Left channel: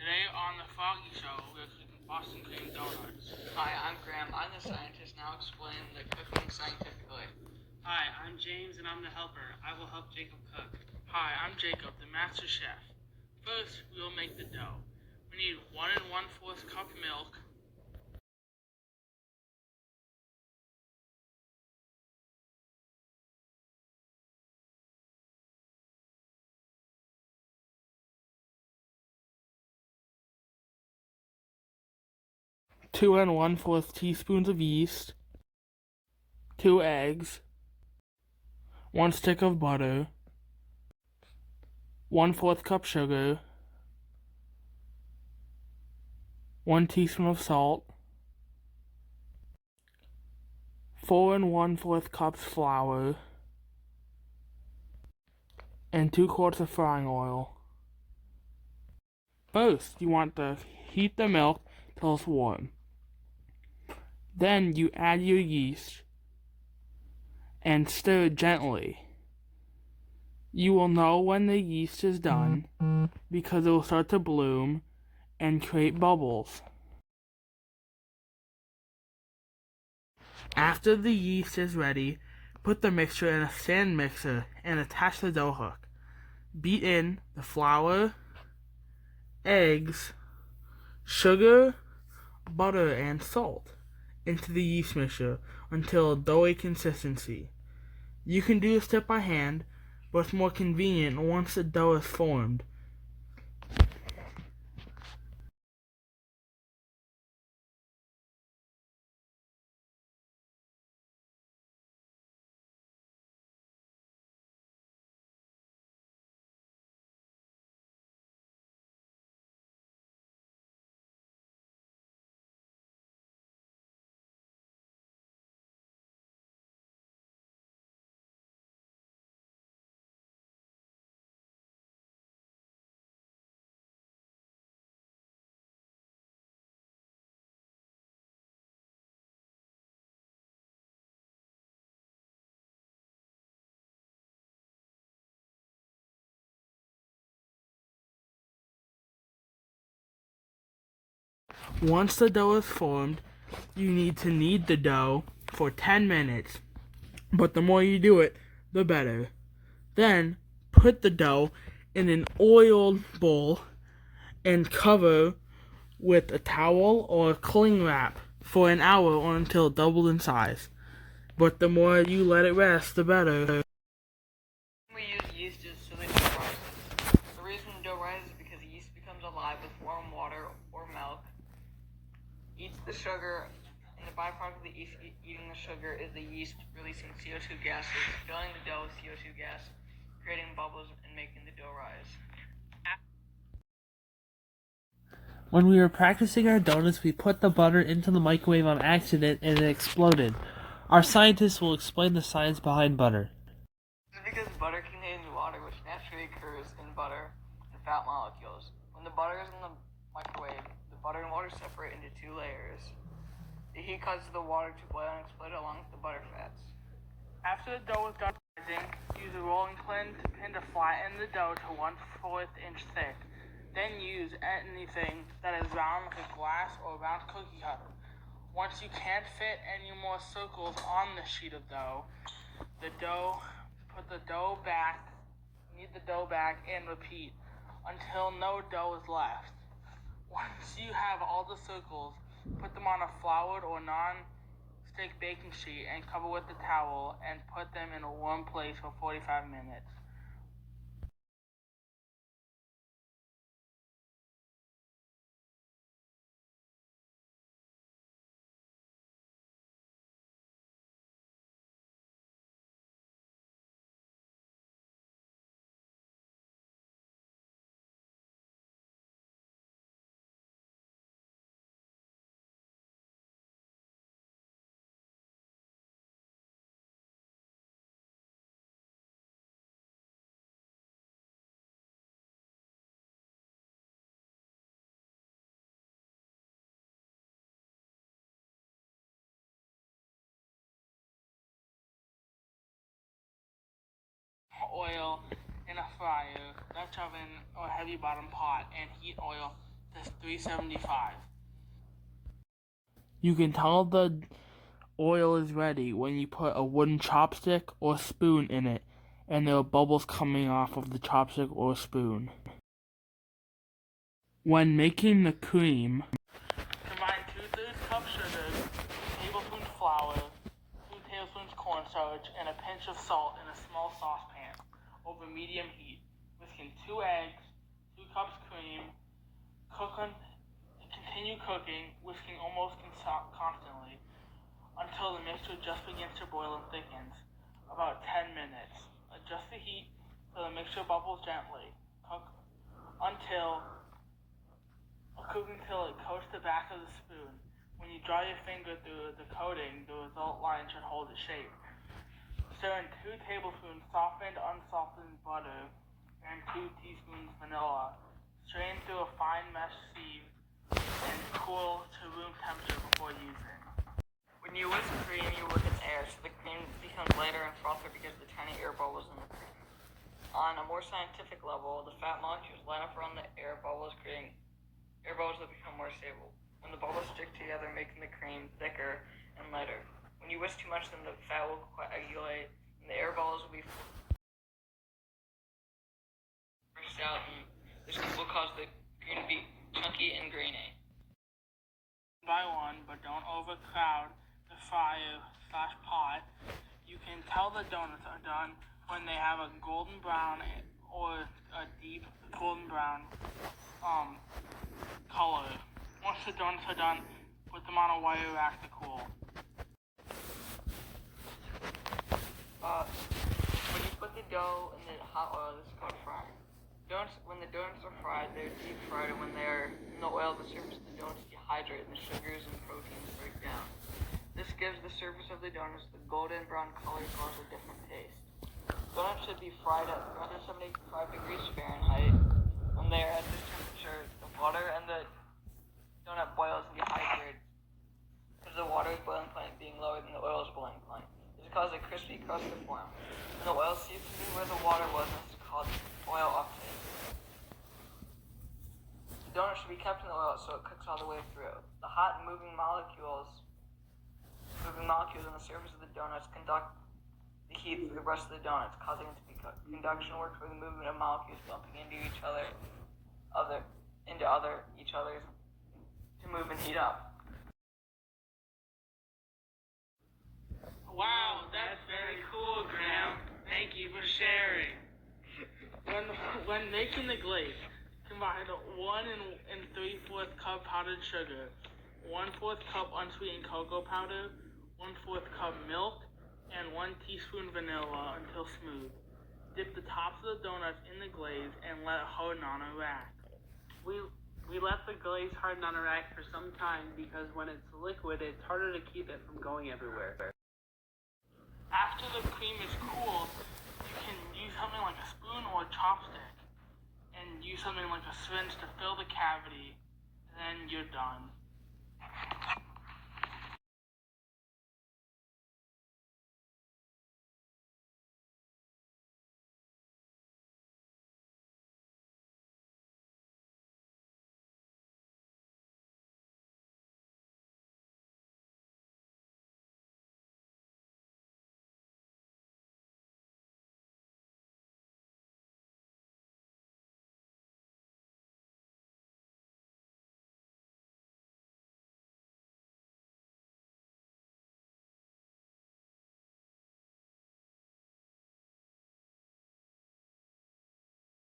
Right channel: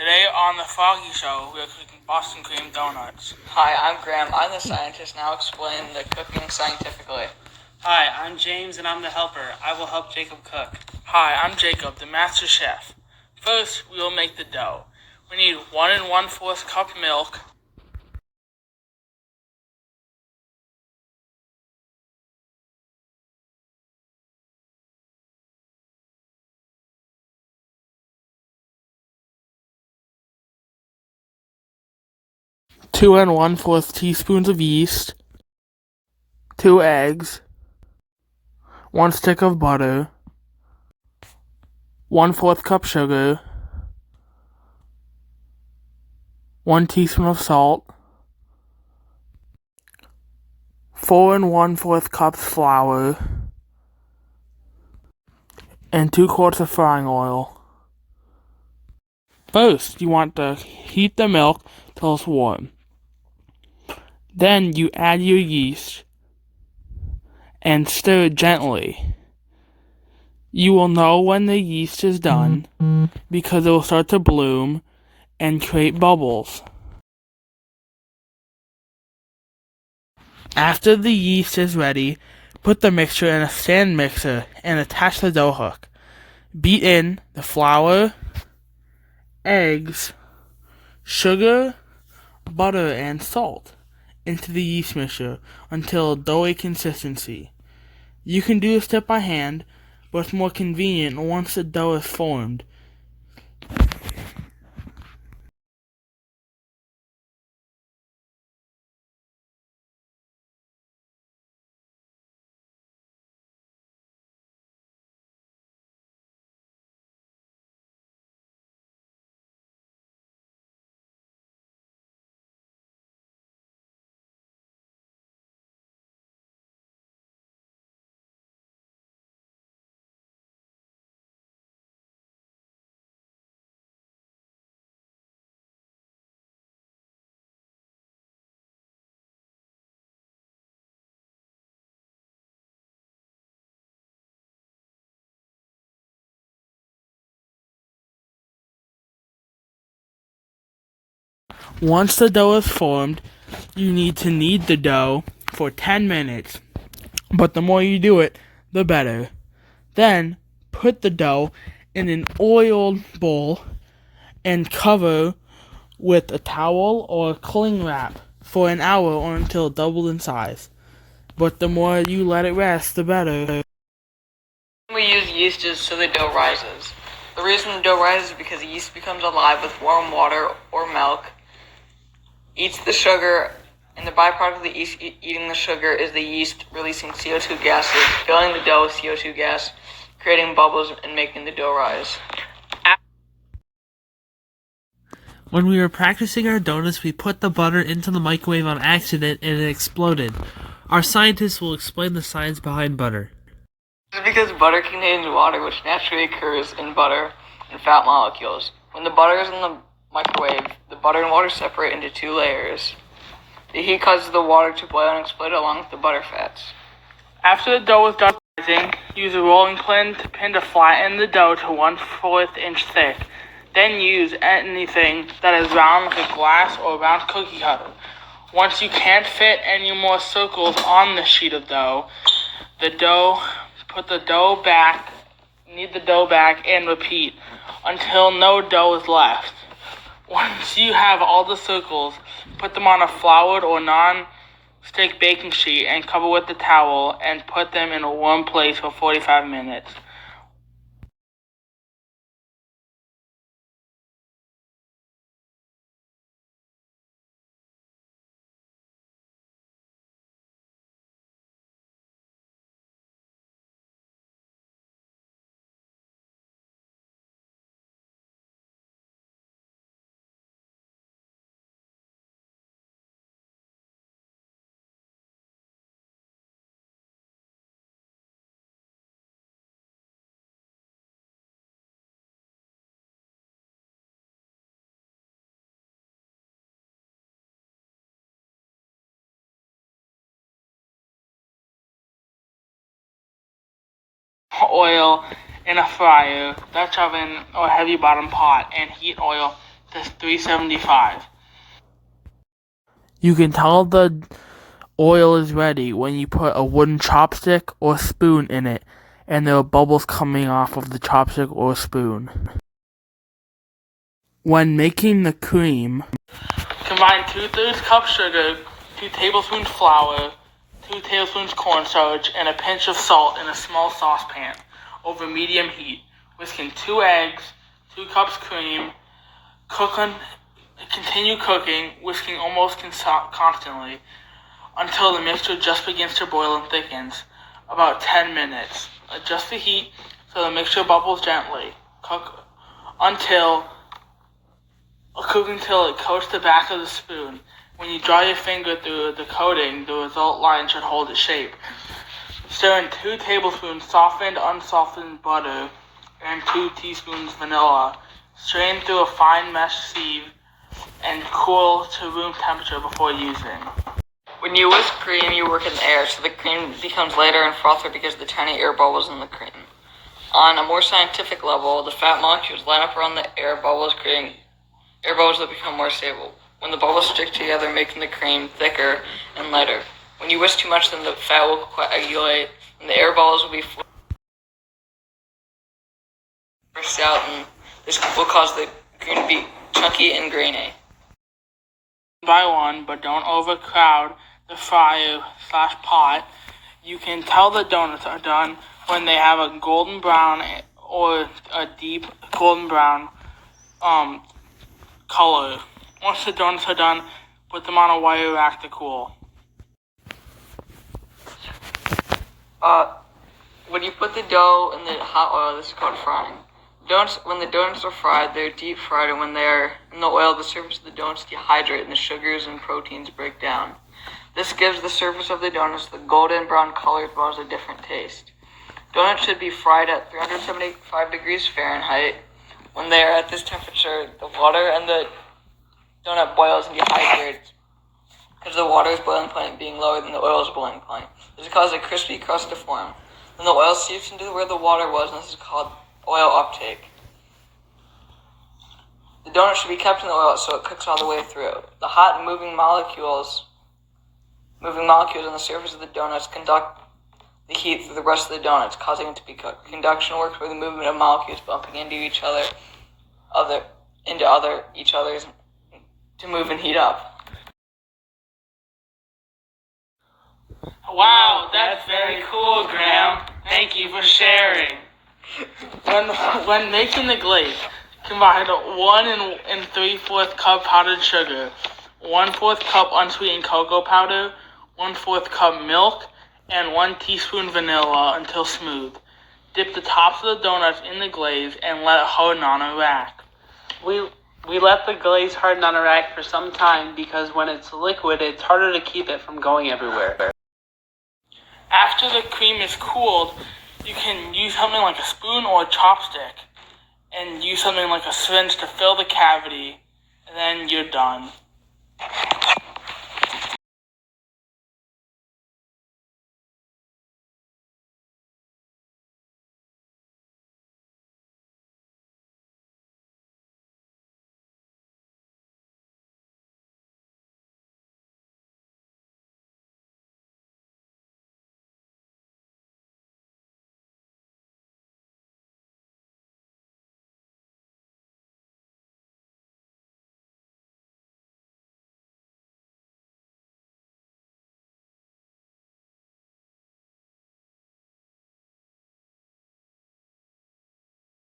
Today on the Foggy Show, we are cooking Boston cream donuts. Hi, I'm Graham. I'm the scientist, and I'll explain the cooking scientifically. Hi, I'm James, and I'm the helper. I will help Jacob cook. Hi, I'm Jacob, the master chef. First, we will make the dough. We need 1 1/4 cup milk, 2 1/4 teaspoons of yeast, 2 eggs, 1 stick of butter, 1/4 cup sugar, 1 teaspoon of salt, 4 1/4 cups flour, and 2 quarts of frying oil. First, you want to heat the milk till it's warm. Then you add your yeast and stir gently. You will know when the yeast is done because it will start to bloom and create bubbles. After the yeast is ready, put the mixture in a stand mixer and attach the dough hook. Beat in the flour, eggs, sugar, butter, and salt into the yeast mixture until doughy consistency. You can do this step by hand, but it's more convenient once the dough is formed. Once the dough is formed, you need to knead the dough for 10 minutes, but the more you do it, the better. Then, put the dough in an oiled bowl and cover with a towel or cling wrap for an hour or until it doubled in size. But the more you let it rest, the better. We use yeast is so the dough rises. The reason the dough rises is because the yeast becomes alive with warm water or milk, eats the sugar, and the byproduct of the yeast eating the sugar is the yeast releasing CO2 gases, filling the dough with CO2 gas, creating bubbles, and making the dough rise. When we were practicing our donuts, we put the butter into the microwave on accident and it exploded. Our scientists will explain the science behind butter. This is because butter contains water, which naturally occurs in butter and fat molecules. When the butter is in the microwave, the butter and water separate into 2 layers. The heat causes the water to boil and explode along with the butter fats. After the dough is done rising, use a rolling pin to flatten the dough to 1/4 inch thick. Then use anything that is round like a glass or round cookie cutter. Once you can't fit any more circles on the sheet of dough, put the dough back, knead the dough back, and repeat until no dough is left. Once you have all the circles, put them on a floured or non-stick baking sheet and cover with a towel and put them in a warm place for 45 minutes. Oil in a fryer, Dutch oven, or heavy bottom pot, and heat oil to 375. You can tell the oil is ready when you put a wooden chopstick or spoon in it, and there are bubbles coming off of the chopstick or spoon. When making the cream, combine 2/3 cup sugar, 2 tablespoons flour, 2 tablespoons cornstarch, and a pinch of salt in a small saucepan over medium heat. Whisk in 2 eggs, 2 cups cream. Continue cooking, whisking almost constantly until the mixture just begins to boil and thickens. About 10 minutes. Adjust the heat so the mixture bubbles gently. Cook until it coats the back of the spoon. When you draw your finger through the coating, the result line should hold its shape. Stir in 2 tablespoons softened, unsoftened butter and 2 teaspoons vanilla. Strain through a fine mesh sieve and cool to room temperature before using. When you whisk cream, you work in the air, so the cream becomes lighter and frothier because of the tiny air bubbles in the cream. On a more scientific level, the fat molecules line up around the air bubbles, creating air bubbles that become more stable. When the bubbles stick together, making the cream thicker and lighter. When you whisk too much, then the fat will coagulate, and the air bubbles will be forced out, and this will cause the cream to be chunky and grainy. By one, but don't overcrowd the fryer/pot. You can tell the donuts are done when they have a golden brown or a deep golden brown color. Once the donuts are done, put them on a wire rack to cool. When you put the dough in the hot oil, this is called frying. When the donuts are fried, they're deep fried, and when they're in the oil, the surface of the donuts dehydrate and the sugars and proteins break down. This gives the surface of the donuts the golden brown color as well as a different taste. Donuts should be fried at 375 degrees Fahrenheit. When they are at this temperature, the water and the donut boils and dehydrates because the water is boiling point being lower than the oil is boiling point. This causes a crispy crust to form. Then the oil seeps into where the water was, and this is called oil uptake. The donut should be kept in the oil so it cooks all the way through. The hot and moving molecules on the surface of the donuts conduct the heat through the rest of the donuts, causing it to be cooked. Conduction works where the movement of molecules bumping into each other to move and heat up. Wow, that's very cool, Graham. Thank you for sharing. When making the glaze, combine 1 3/4 cup powdered sugar, 1/4 cup unsweetened cocoa powder, 1/4 cup milk, and 1 teaspoon vanilla until smooth. Dip the tops of the donuts in the glaze and let it harden on a rack. We let the glaze harden on a rack for some time because when it's liquid, it's harder to keep it from going everywhere. After the cream is cooled, you can use something like a spoon or a chopstick and use something like a syringe to fill the cavity, and then you're done.